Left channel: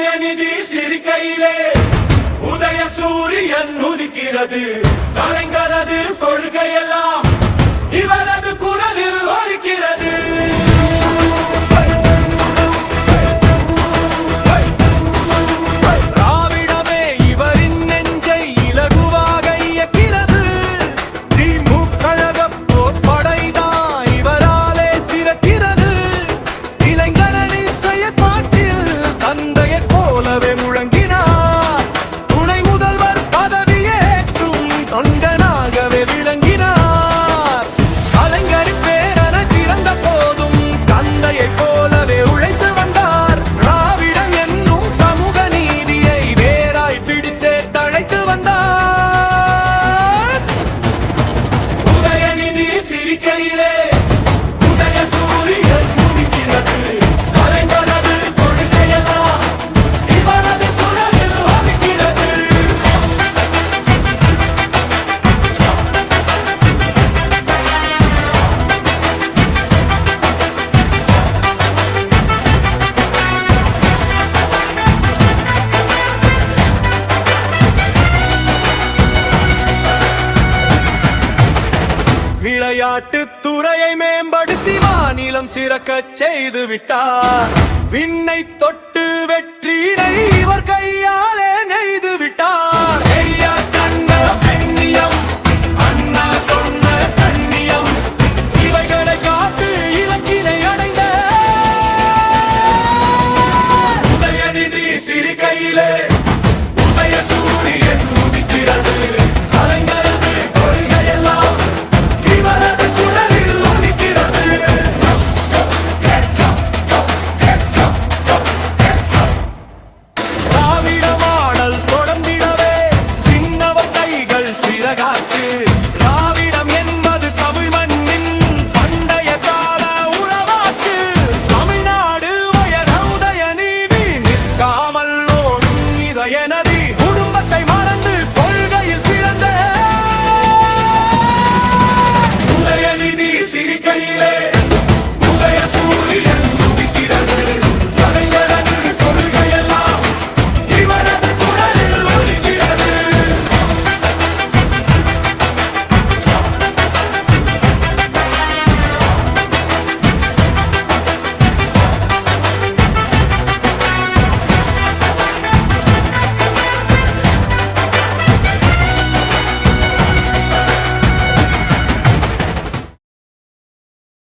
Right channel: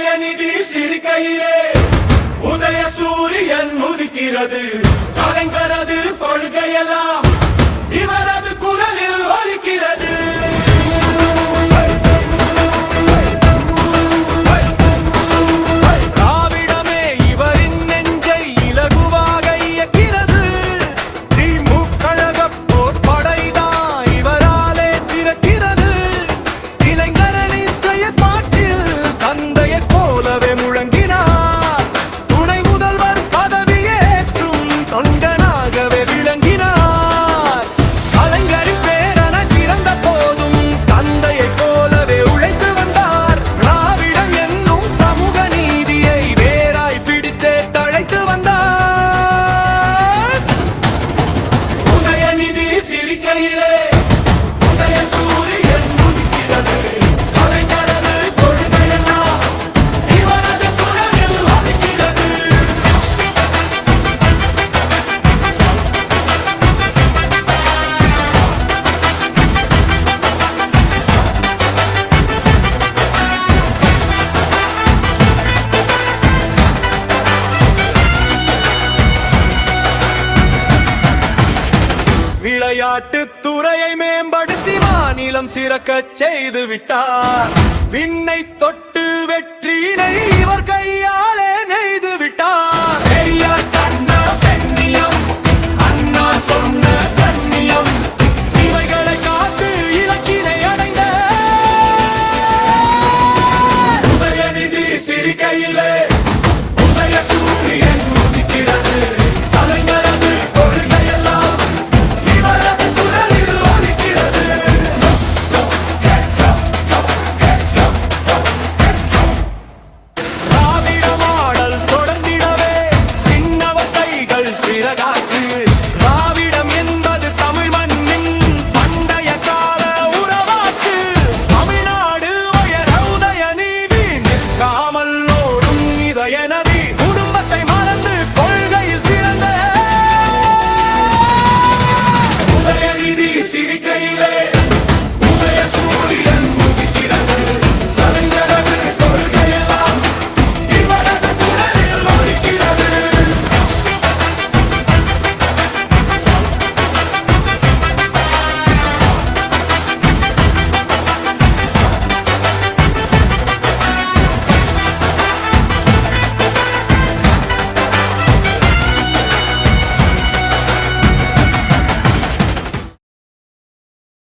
உதயநிதி சிரிக்கையிலே உதய சூரியன் உதிக்கிறது. கலைஞரது கொள்கையெல்லாம் இவரது குரலில் ஒலிக்கிறது. திராவிடமே இவரின் நெஞ்சை இலகுவாக இயக்கிறது. திமுக கழக போர்ப்படைதான் இவராலே சிறக்கிறது. இளைஞரணி செயற்பாட்டில் தந்தையைப் போலவே முழங்கினார். துணை முதல்வர் பதவியேற்றும் தொண்டனாகவே விளங்கினார். கலைஞரின் பேரன பிறந்த போதும் தந்தையைப் போலவே உழைத்து வந்தார். திராவிடம் என்னும் சமூக நீதியை வேராய் பிடித்தே தழைத்து வந்தார். உதயநிதி சிரிக்கையிலே உதய சூரியன் உதிக்கிறது. கலைஞரது கொள்கையெல்லாம் இவரது குரலில் ஒலிக்கிறது. விளையாட்டுத் துறையை மேம்படுத்தி மாநிலம் சிறக்கச் செய்து விட்டார். விண்ணை தொட்டு வெற்றினை இவர் கையாலே நெய்து விட்டார். பெரியார் கண்ட பெண்ணியம், அண்ணா சொன்ன கண்ணியம், இவைகளை காத்து இலக்கினை அடைந்த உதயநிதி சிரிக்கையிலே உதய சூரியன் உதிக்கிறது. கலைஞரது கொள்கையெல்லாம் இவரது குரலில் ஒலிக்கிறது. திராவிட மாடல் தொடர்ந்திடவே சின்னவர் கைகள் சிறகாச்சு.